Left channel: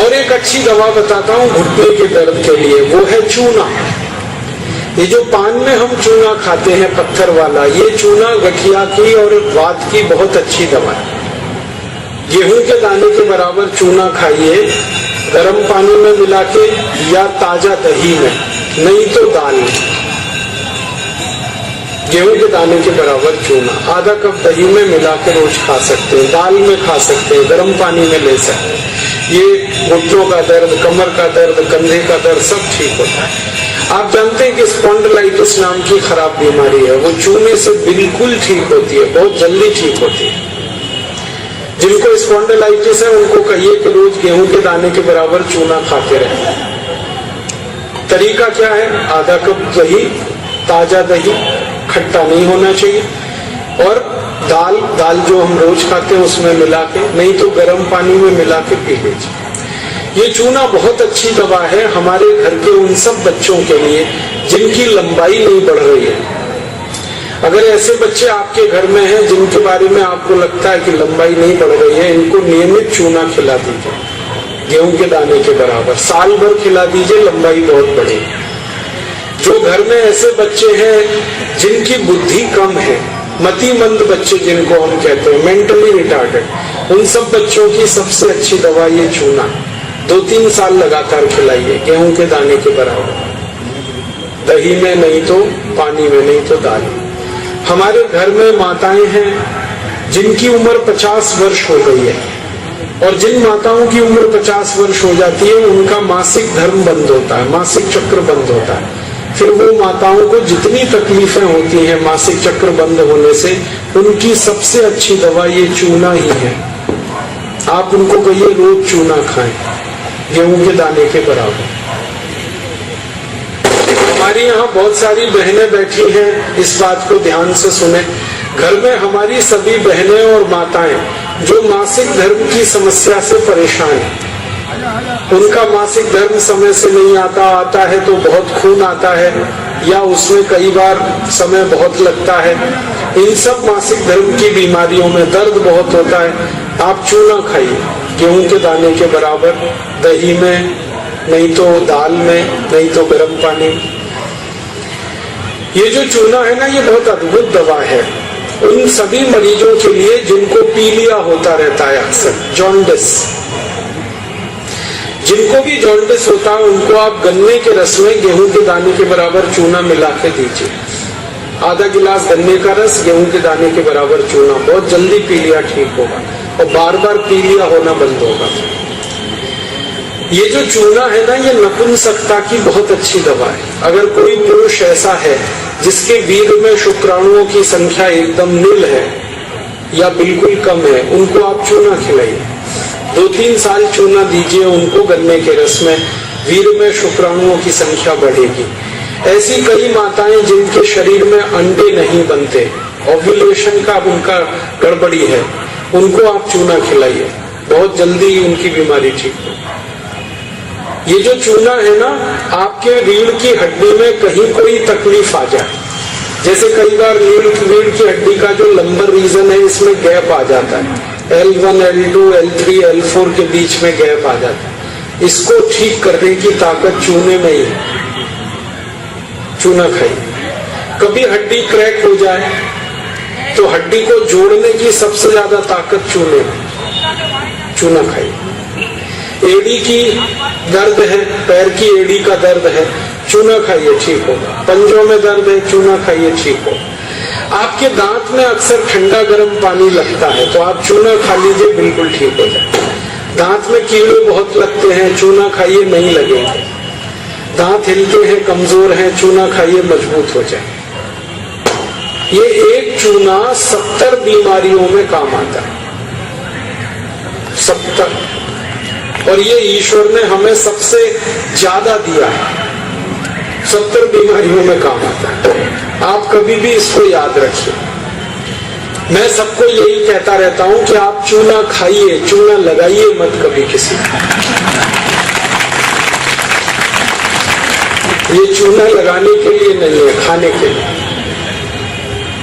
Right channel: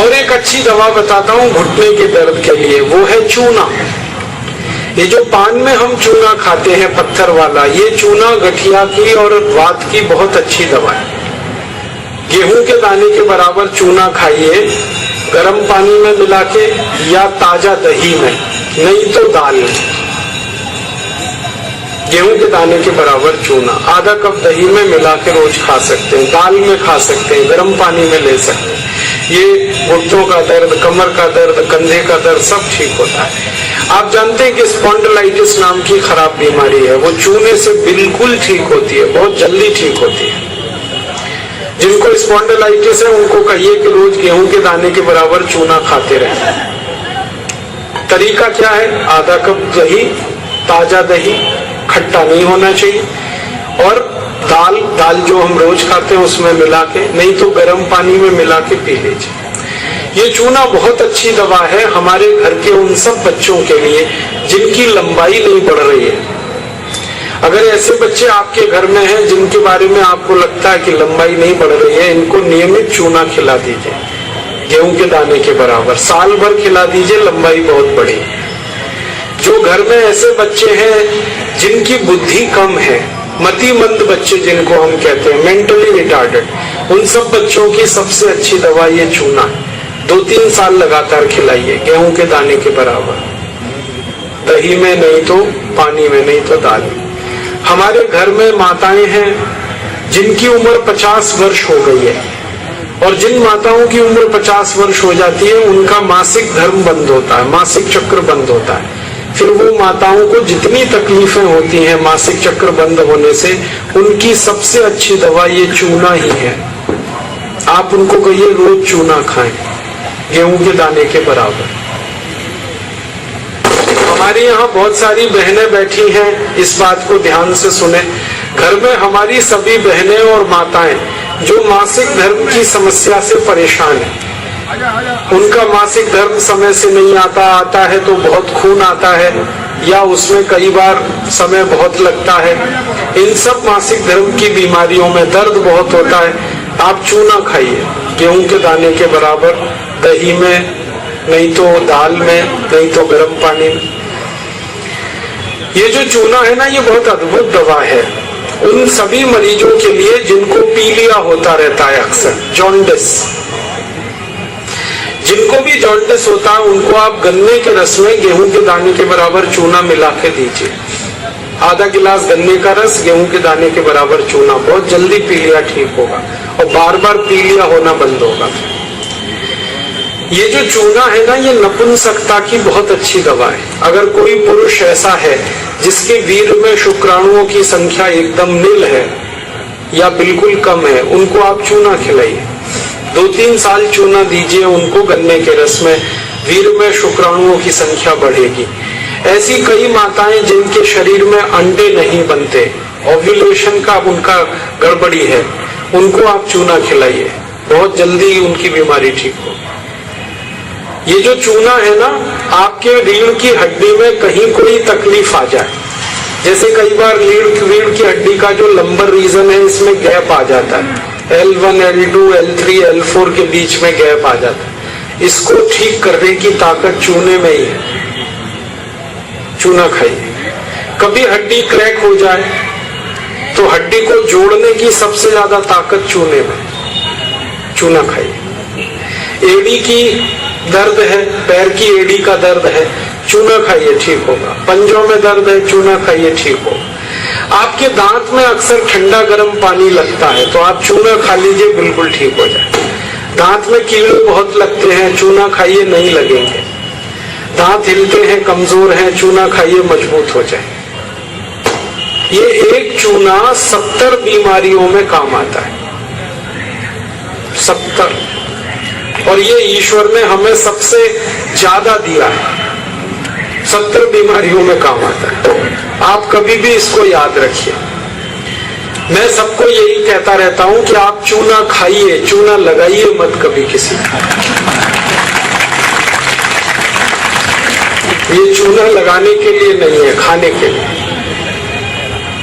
और एक अच्छी दवा बताता हूँ घुटने के दर्द के लिए, वो है चूना। ये जो पान में हम चूना खाते हैं पत्थर वाला, ये चूना गठिया की और वात की बहुत अच्छी दवा है। गेहूं के दाने के बराबर चूना खाइए, गर्म पानी में मिला के या ताजा दही में, नहीं तो दाल में। गेहूं के दाने के बराबर चूना आधा कप दही में मिला के रोज खा सकते हैं, दाल में खा सकते हैं, गर्म पानी में ले सकते हैं। ये घुटनों का दर्द, कमर का दर्द, कंधे का दर्द सब ठीक होता है। आप जानते हैं कि स्पॉन्डिलाइटिस नाम की खराब बीमारी है, वो चूने से बिल्कुल ठीक होती है, बहुत जल्दी ठीक होती है। जिनको स्पॉन्डिलाइटिस है उनको कहिए कि रोज गेहूं के दाने के बराबर चूना खाते रहें। तरीका क्या है? आधा कप दही, ताजा दही, खट्टा नहीं होना चाहिए, और दाल जो हम रोज खाते हैं उसमें मिला के, नहीं तो गर्म पानी में मिला के पी लीजिए। ये चूना बहुत अच्छी दवा है हमारे घर के उन सब बच्चों के लिए जिनकी लंबाई नहीं बढ़ रही है। अगर ऐसे बच्चे आपके घर में हैं जिनके बारे में आपको लगता है कि लंबाई नहीं बढ़ रही है, इनको नियमित चूना खिला दीजिए, गेहूं के दाने के बराबर, साल भर खिला दीजिए, लंबाई बहुत बढ़ेगी। जो घर में ऐसे बच्चे हैं जिनकी बुद्धि कम है, मतिमंद बच्चे जिनको हम कहते हैं, मेंटली रिटार्डेड, उन सब बच्चों की सबसे अच्छी दवा ये चूना। 2-3 साल लगातार खिलाइए, गेहूं के दाने के बराबर, दही में नहीं तो पानी में, नहीं तो दाल में। हमारे घर में माताएं हैं जिनकी उम्र 50 वर्ष हो गई है, और जिन माताओं की उम्र 50 वर्ष हो जाती है उनका मासिक धर्म बंद होता है, मासिक चक्र बंद होता है। फिर वो माताओं को जितनी तकलीफें होती हैं मासिक चक्र बंद होने से, उनकी सबसे अच्छी दवा ये चूना ही है। आप उनको कहिए रोज चूना खाएं, गेहूं के दाने के बराबर। हमारी यहाँ बहुत सारी बहनें बैठी हैं, इस बात को ध्यान से सुने। घर में हमारी सभी बहनें और माताएं जो मासिक धर्म की समस्या से परेशान हैं, उनका मासिक धर्म समय से नहीं आता है तो बहुत खून आता है, या उसमें कई बार समय बहुत लगता है, इन सब मासिक धर्म की बीमारियों में दर्द बहुत होता है। आप चूना खाइए, गेहूं के दाने के बराबर, दही में, नहीं तो दाल में, नहीं तो गर्म पानी में। ये जो चूना है ना, ये बहुत अद्भुत दवा है उन सभी मरीजों के लिए जिनको पीलिया होता रहता है, अक्सर जॉन्डिस। जिनको भी जॉन्डिस होता है उनको आप गन्ने के रस में गेहूं के दाने के बराबर चूना मिला के दीजिए। आधा गिलास गन्ने का रस, गेहूं के दाने के बराबर चूना, बहुत जल्दी पीलिया ठीक होगा और बार बार पीलिया होना बंद होगा। ये जो चूना है ना, ये नपुंसकता की बहुत अच्छी दवा है। अगर कोई पुरुष ऐसा है जिसके वीर्य में शुक्राणुओं की संख्या एकदम नील है या बिल्कुल कम है, उनको आप चूना खिलाइए। 2-3 साल चूना दीजिए उनको गन्ने के रस में, वीर्य में शुक्राणुओं की संख्या बढ़ेगी। ऐसी कई माताएं जिनके शरीर में अंडे नहीं बनते, ओव्यूलेशन का उनका गड़बड़ी है, उनको आप चूना खिलाइए, बहुत जल्दी उनकी बीमारी ठीक हो। ये जो चूना है ना, आपके रीढ़ की हड्डी में कहीं कोई तकलीफ आ जाए, जैसे कई बार रीढ़ की हड्डी का जो लंबर रीजन है इसमें गैप आ जाता है, L1, L2, L3, L4 के बीच में गैप आ जाता है, इसको ठीक करने की ताकत चूने में ही है। चूना खाइए। कभी हड्डी क्रैक हो जाए तो हड्डी को जोड़ने की सबसे ज्यादा ताकत चूने में, चूना खाइए। एड़ी की दर्द है, पैर की एड़ी का दर्द है, चूना खाइए, ठीक होगा। पंजों में दर्द है, चूना खाइए, ठीक होगा। आपके दांत में अक्सर ठंडा गर्म पानी लगता है तो आप चूना खा लीजिए, बिल्कुल ठीक हो जाए। दांत में कीड़े बहुत लगते हैं, चूना खाइए, नहीं लगेंगे। दांत हिलते हैं, कमजोर हैं, चूना खाइए, मजबूत हो जाए। ये एक चूना 70 बीमारियों में काम आता है, 70। और ये ईश्वर ने हमें सबसे ज्यादा दिया है, 70 बीमारियों में काम आता है। आप कभी भी इसको याद रखिए। मैं सबको यही कहता रहता हूं कि आप चूना खाइए, चूना लगाइए मत कभी किसी को। ये चूना लगाने के लिए नहीं है, खाने के लिए।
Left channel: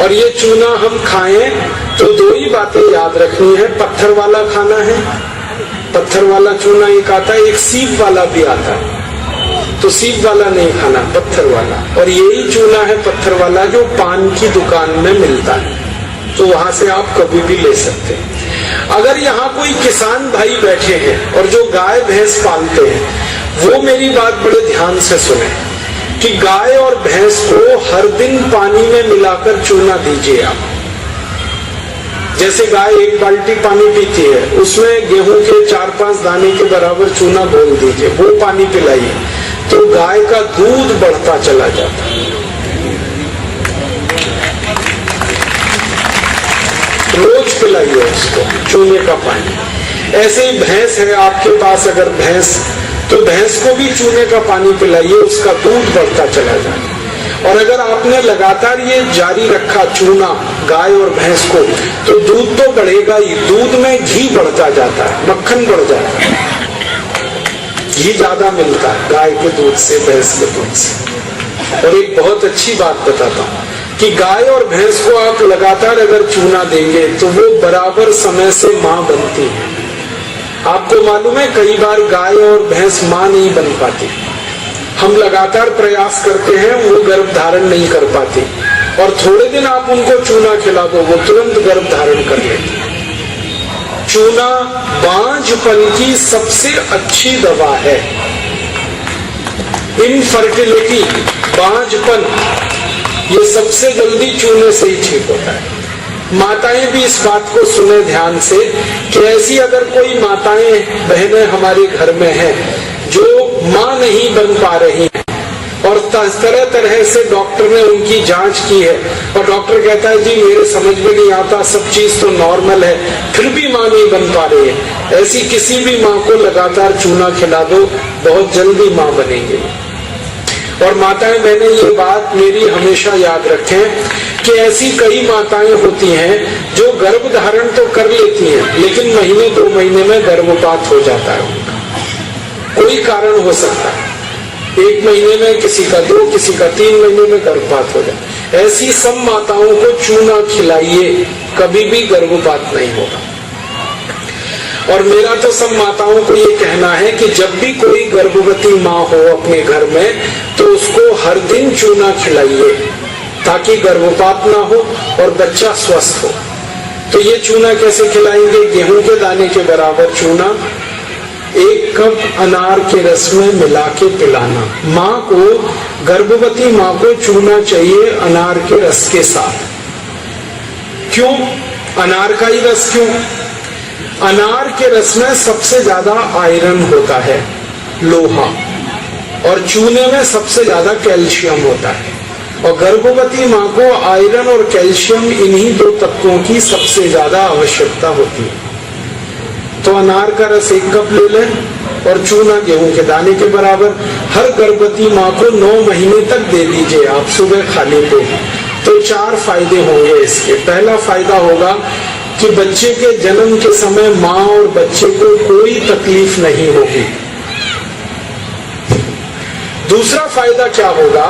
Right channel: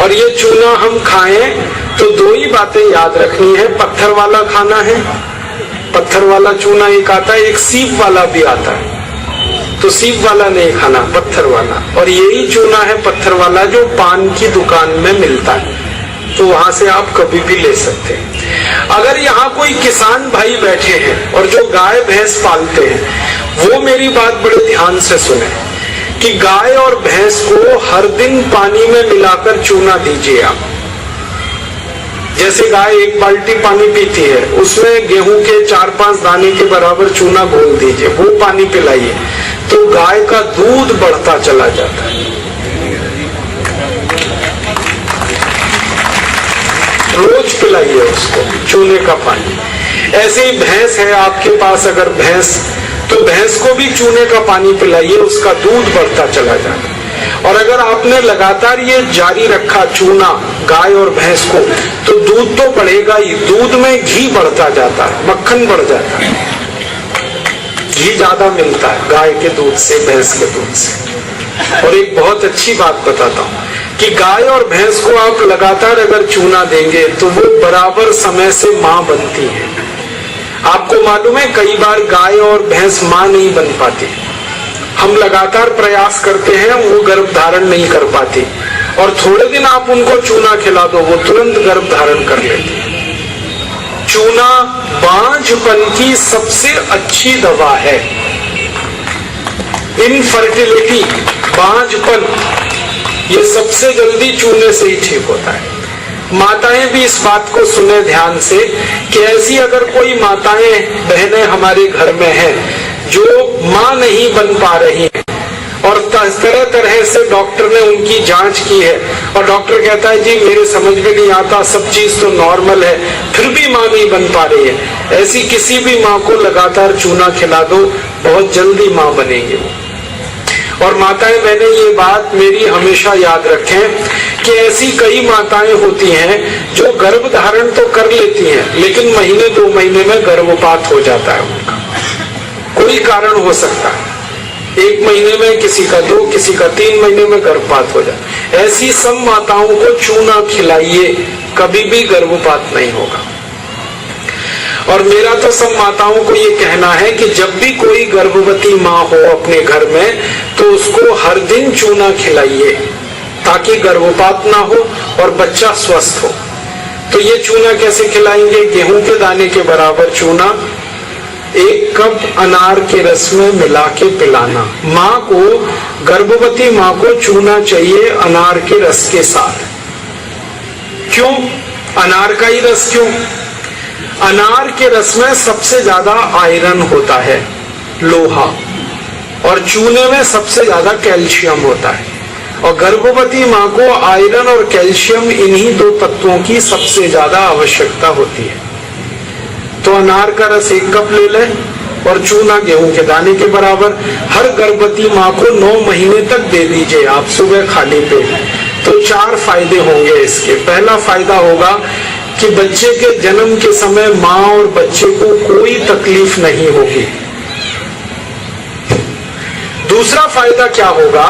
और ये चूना हम खाएं तो 2 ही बातें याद रखनी है, पत्थर वाला खाना है, पत्थर पत्थर वाला चूना एक आता है, एक सीप वाला भी आता है। तो सीप वाला नहीं खाना, पत्थर वाला। और यही चूना है पत्थर वाला जो पान की दुकान में मिलता है, तो वहां से आप कभी भी ले सकते हैं। अगर यहाँ कोई किसान भाई बैठे हैं और जो गाय भैंस पालते हैं, वो मेरी बात बड़े ध्यान से सुने कि गाय और भैंस को हर दिन पानी में मिलाकर चूना दीजिए आप। जैसे गाय एक बाल्टी पानी पीती है, उसमें गेहूं के 4-5 दाने के बराबर चूना घोल दीजिए, वो पानी पिलाइए, तो गाय का दूध बढ़ता चला जाता है। रोज पिलाइए उसको चूने का पानी। ऐसे ही भैंस है आपके पास, अगर भैंस, तो भैंस को भी चूने का पानी पिलाइए, उसका दूध बढ़ता चला जाता है। और अगर आपने लगातार ये जारी रखा चूना गाय और भैंस को, तो दूध तो बढ़ेगा ही, दूध में घी बढ़ता जाता है, मक्खन बढ़ जाता है, घी ज्यादा मिलता है गाय के दूध से, भैंस के दूध से। और एक बहुत अच्छी बात बताता हूँ कि गाय और भैंस को आप लगातार अगर चूना देंगे तो वो बराबर समय से माँ बनती है। आपको मालूम है कई बार गाय और भैंस माँ नहीं बन पाती, हम लगातार प्रयास करते हैं, वो गर्भ धारण नहीं कर पाती, और थोड़े दिन आप उनको चूना खिला दो, वो तुरंत गर्भ धारण कर लेती है। चूना बांझपन की सबसे अच्छी दवा है। इनफर्टिलिटी, बांझपन, ये सबसे जल्दी चूने से ही ठीक होता है। माताएं भी इस बात को सुने ध्यान से कि ऐसी अगर कोई माताएं बहनें हमारे घर में हैं जो मां नहीं बन पा रही हैं, और तरह तरह से डॉक्टर ने उनकी जांच की है, और डॉक्टर कहता है जी मेरे समझ में नहीं आता, सब चीज तो नॉर्मल है, फिर भी मां नहीं बन पा रही है, ऐसी किसी भी मां को लगातार चूना खिला दो, बहुत जल्दी मां बनेगी। और माताएं बहनें ये बात मेरी हमेशा याद रखें कि ऐसी कई माताएं होती हैं जो गर्भ धारण तो कर लेती हैं, लेकिन महीने 2 महीने में गर्भपात हो जाता है उनका, कोई कारण हो सकता है। 1 महीने में किसी का 2, किसी का 3 महीने में गर्भपात हो जाता है। ऐसी सब माताओं को चूना खिलाइए, कभी भी गर्भपात नहीं होगा। और मेरा तो सब माताओं को ये कहना है कि जब भी कोई गर्भवती माँ हो अपने घर में, तो उसको हर दिन चूना खिलाइए ताकि गर्भपात ना हो और बच्चा स्वस्थ हो। तो ये चूना कैसे खिलाएंगे? गेहूं के दाने के बराबर चूना 1 कप अनार के रस में मिला के पिलाना। माँ को, गर्भवती माँ को चूना चाहिए अनार के रस के साथ। क्यों अनार का ही रस? क्यों? अनार के रस में सबसे ज्यादा आयरन होता है, लोहा, और चूने में सबसे ज्यादा कैल्शियम होता है। और गर्भवती माँ को आयरन और कैल्शियम, इन्हीं 2 तत्वों की सबसे ज्यादा आवश्यकता होती है। तो अनार का रस 1 कप ले लें और चूना गेहूं के दाने के बराबर हर गर्भवती माँ को 9 महीने तक दे दीजिए आप, सुबह खाली पेट। तो 4 फायदे होंगे इसके। पहला फायदा होगा कि बच्चे के जन्म के समय माँ और बच्चे को कोई तकलीफ नहीं होगी। दूसरा फायदा क्या होगा?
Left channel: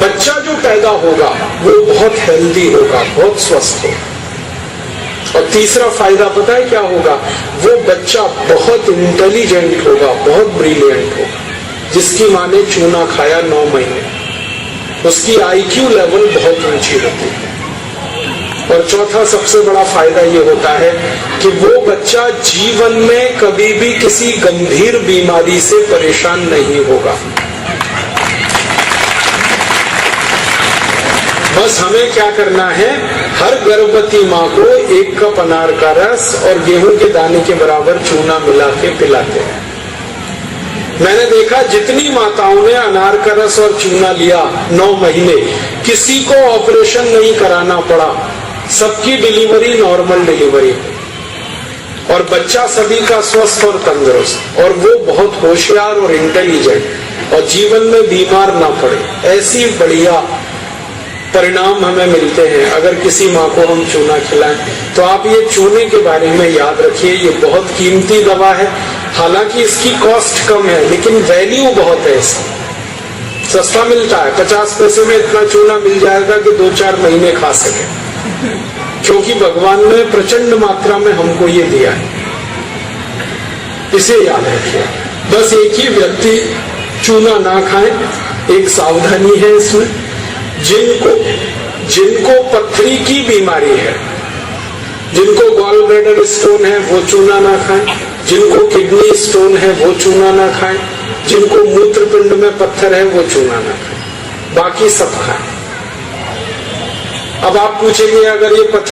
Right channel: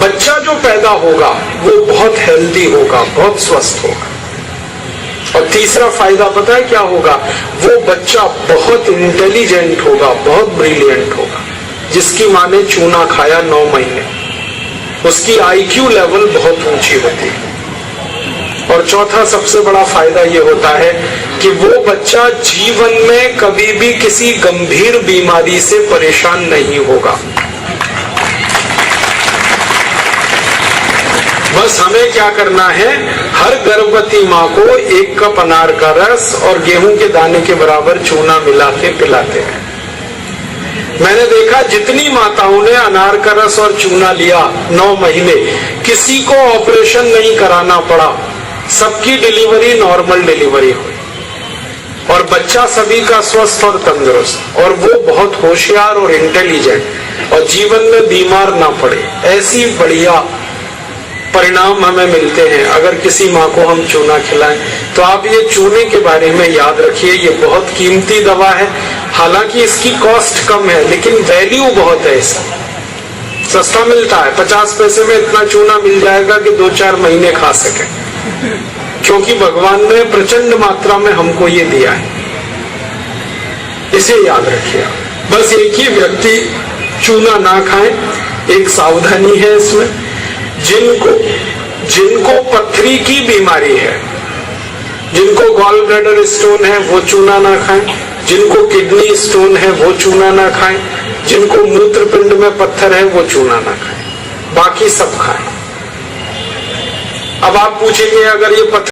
बच्चा जो पैदा होगा वो बहुत हेल्दी होगा, बहुत स्वस्थ होगा। और तीसरा फायदा पता है क्या होगा? वो बच्चा बहुत इंटेलिजेंट होगा, बहुत ब्रिलियंट होगा। जिसकी माँ ने चूना खाया 9 महीने, उसकी IQ लेवल बहुत ऊंची होती है। और चौथा सबसे बड़ा फायदा ये होता है कि वो बच्चा जीवन में कभी भी किसी गंभीर बीमारी से परेशान नहीं होगा। बस हमें क्या करना है? हर गर्भवती माँ को 1 कप अनार का रस और गेहूं के दाने के बराबर चूना मिला के पिलाते हैं। मैंने देखा जितनी माताओं ने अनार का रस और चूना लिया 9 महीने, किसी को ऑपरेशन नहीं कराना पड़ा, सबकी डिलीवरी नॉर्मल डिलीवरी, और बच्चा सभी का स्वस्थ और तंदुरुस्त, और वो बहुत होशियार और इंटेलिजेंट, और जीवन में बीमार ना पड़े। ऐसी बढ़िया परिणाम हमें मिलते हैं अगर किसी माँ को हम चूना खिलाएं। तो आप ये चूने के बारे में याद रखिए, ये बहुत कीमती दवा है। हालांकि इसकी कॉस्ट कम है, लेकिन वैल्यू बहुत है इसका। सस्ता मिलता है, 50 पैसे में इतना चूना मिल जाएगा कि 2-4 महीने खा सके, क्योंकि भगवान ने प्रचंड मात्रा में हमको ये दिया है। इसे याद रखिए। बस एक ही व्यक्ति चूना ना खाए, एक सावधानी है इसमें। जिनको पथरी की बीमारी है, जिनको गॉल ब्लैडर स्टोन है, वो चूना ना खाएं। जिनको किडनी स्टोन है, वो चूना ना खाएं। जिनको मूत्रपिंड में पत्थर है, वो चूना ना खाएं। बाकी सब खाएं। अब आप पूछेंगे, अगर ये पत्थर